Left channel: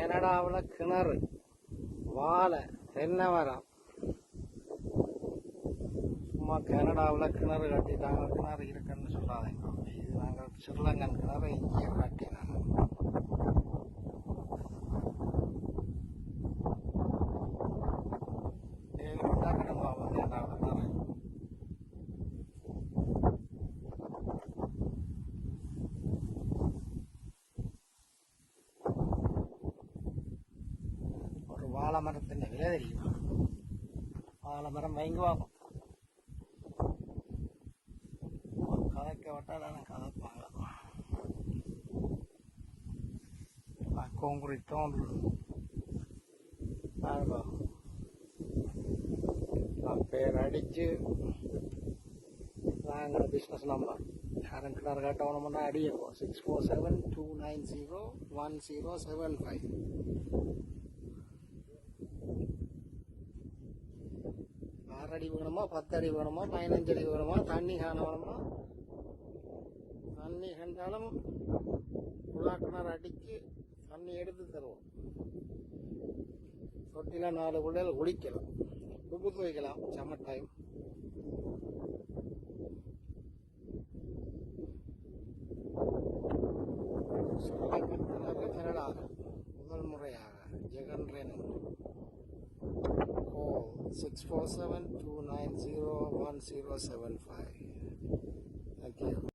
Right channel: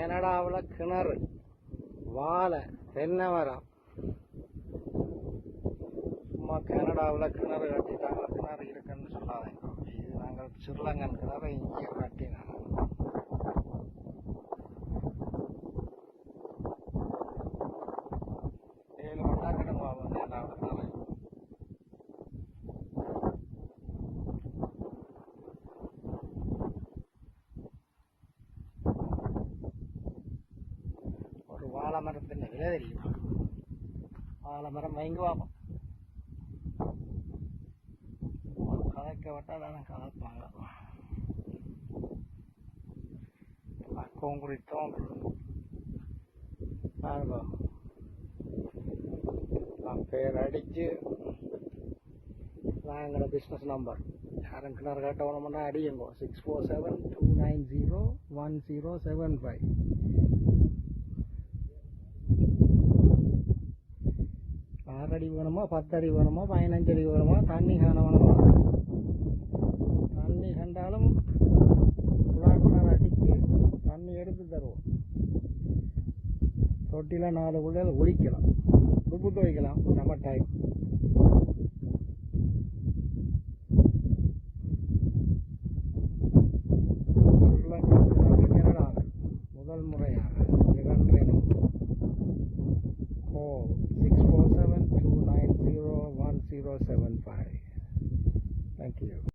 கனடாவில் கிணறு, வாழை, தென்னை மரம். சும்மா கனடாவில் கிணறு கட்டிட்டாங்க, கிணறு இருக்குன்னு சொல்லாதீங்க. இது நாங்கள் ஸ்ரீலங்கன் கிணறு இங்கே கட்டினாங்க. ஒரு வாழை மரத்தின் விலை தெரியுமா? வாழை மரம் வாங்கி பார்ப்போம். கதைக்க விட்டால் கதைப்பாங்களா? கான்கிரீட் ஒன்று பேர் அடித்து நாங்கள பிஸ்னஸ் நம்பர் யாரும் கிணறு கட்டணும்னா அடியுங்கோ. 6472901075. 6 அடி வேணுமா, 10 அடி வேணுமா, 15 அடி வேணுமா, தண்ணி காண வேணுமா? தண்ணி கண்டாலும் கிணறு அடித்து தண்ணி எடுத்து தருவோம். தொட்டியில் 4 பிள்ளைகள் குளிக்கலாம், உப்பு துவைக்கலாம் சம்மர் டைம். கனடாவில் முதல் முறையாக Jagan training. call 6472901075. Thank you.